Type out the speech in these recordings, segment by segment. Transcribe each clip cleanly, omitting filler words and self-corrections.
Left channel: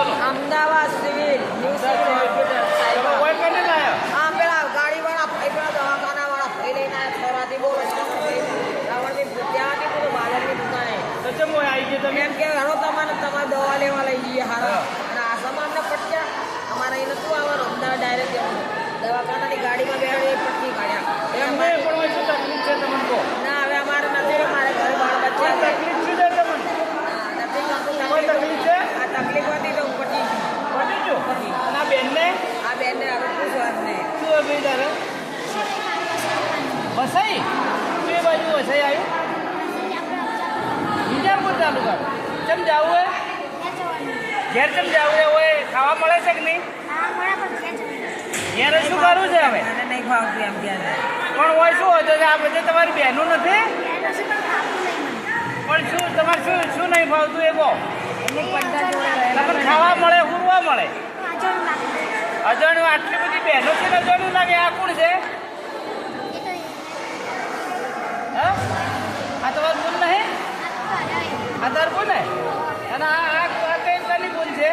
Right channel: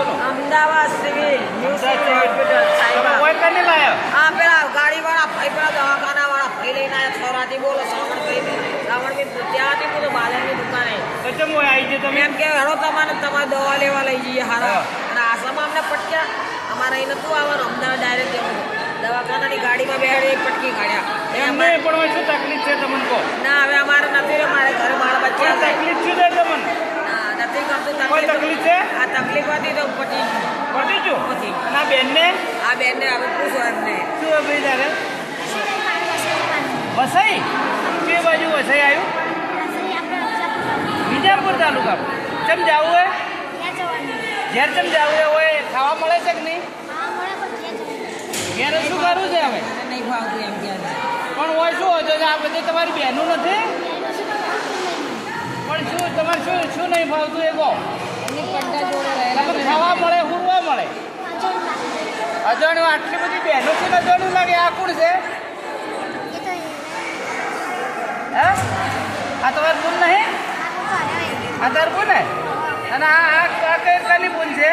બોલો Ahmedabad civil new civil hospital સાહેબ કોઈ કને લાયો હા પેલા ગાડીવાળા ભાઈ પેલા દવાખાનાવાળા ભાઈ લઈને આવ્યા છોરાથી બોલો શ્રાવણભાઈ ત્યાંથી બોલો બાજારની દુકાને તો ચમ હોય આવી છે તમે એમ કે હેડો તમારે દવા લેવા લઈ જઈએ હારા અને આસામાં અમને પટક્યા અમારે અહીં નતું આવવાનું અમદાવાદ ડાયરેક્ટ જવાનું દવાખાનાની ગાડીમાં બેહાડી પટકી કાઢ્યા એમને પણ હોય શું તકલીફ છે તમને કહો ના હવે અમારે નથી રે મારે ઘરે બાળ બચ્ચા કોઈ તકલીફ શું છે તમને ના નથી કરતું કોઈ તકલીફ છે આ તકલીફ હતી તો પટી પતી ગયું પછી અને આ બેનને આ બેનને હવે પૂછો એમને શું ભાઈ તારે વસઈ બે બાજુ વસઈ આવ્યું વિજાપુર તાલુકા ચમ જાવું હે ઘેર ચમ જાવું હે હોય ખાવા મળે છે કે નહીં ઘેર શું કરવું છે હવે મને નહીં ભાવતું એમ કે પણ હોય શું હોય તો આ બધે તમારી બહેનું નથી પણ શું તમારે શું શું નહીં ભાવતું એ કહો એમની પટ્ટા જોડે પણ રહેલા ખાવા મળે હુરવા મળે અજાણ્યું આટલી બધી બહેનો છે અજાણ્યું લાગે આ કોણ છે હે આ તમારું બોન નહીં આ તારું બોન હે અને આ કઈ બોન છે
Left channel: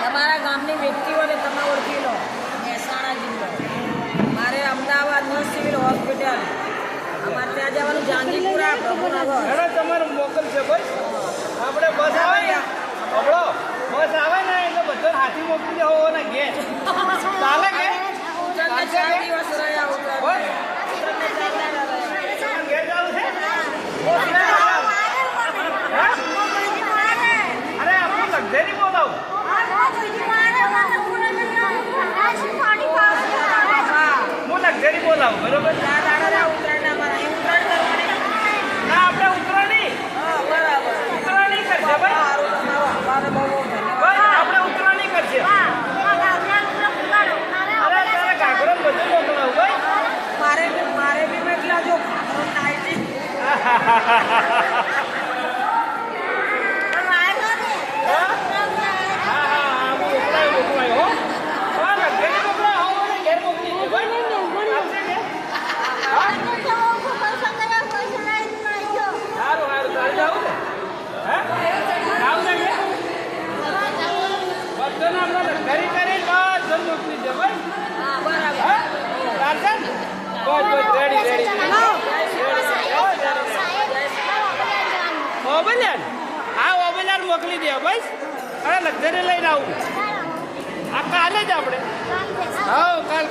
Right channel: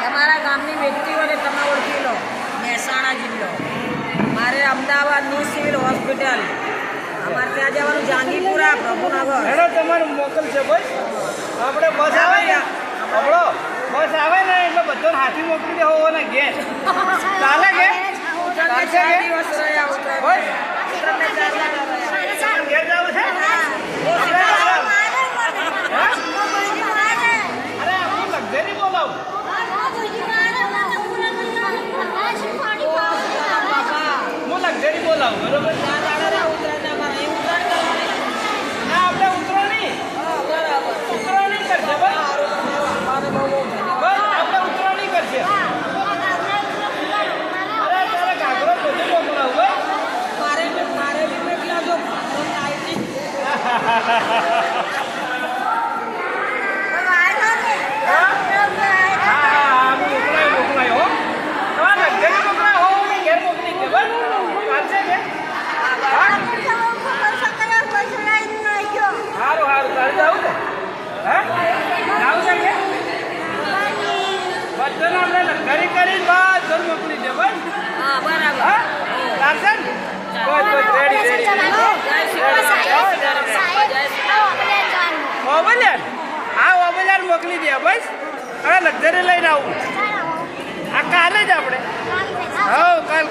તમારા ગામની વ્યક્તિઓને તમે ઓળખી લો મહેસાણા જિલ્લો મારે અમદાવાદ ન્યૂ સિવિલ હોસ્પિટલ અમારે ત્યાં જવાનું જાંગીપુરા પ્રભુનગર હેડો તમારું મોકલ છે ભાઈ આપણે બસ આવે ને આપણો બસ આવે ને એટલે બધો હાથી મોકલી દેવો ને ઘેર ચાલે કે ઉત્તરાયણને 4 દિવસ રહ્યા બસ ઉત્તરાયણને 4 દાડા રહ્યા તમારે ઘેર જવું છે આપણે અરે આપણું લક્ઝરી બોલાવું હું લક્ઝરી બોલાવું બરોબર 4 દાડા રહ્યા ઉત્તરાયણને અમારે અહીં ઉત્તરાયણ કરવાની ના આપણે ઉતરાણી હા બરાબર ઉતરાણી કરશે ભાઈ સારું તમારો અમારે બહુ ધન્યવાદ બસ આપણે ઉતરાણી કરશે અરે તારે ઘાઘરો બધું મોકલાવું ભાઈ મારે બી એટલા જો ભાગરો ટાઈટી હા મોકલાય હો તમારે લક્ઝરી મોકલાય હો ઘેર મોકલી દે ભાઈ ચાલશે કે સારું તારે જવું ને હે આવું છે કે બધાને આપણે લક્ઝરી કરી બધું મોકલી દે ભાઈ હા બરાબર હા ચાલશે ને બસ રેડી ઓબલિયાન હા ઓબલિયાન મોકલી દે બસ હવે લક્ઝરી લઈને આવું આ કાલે જ આપણે હા કાલ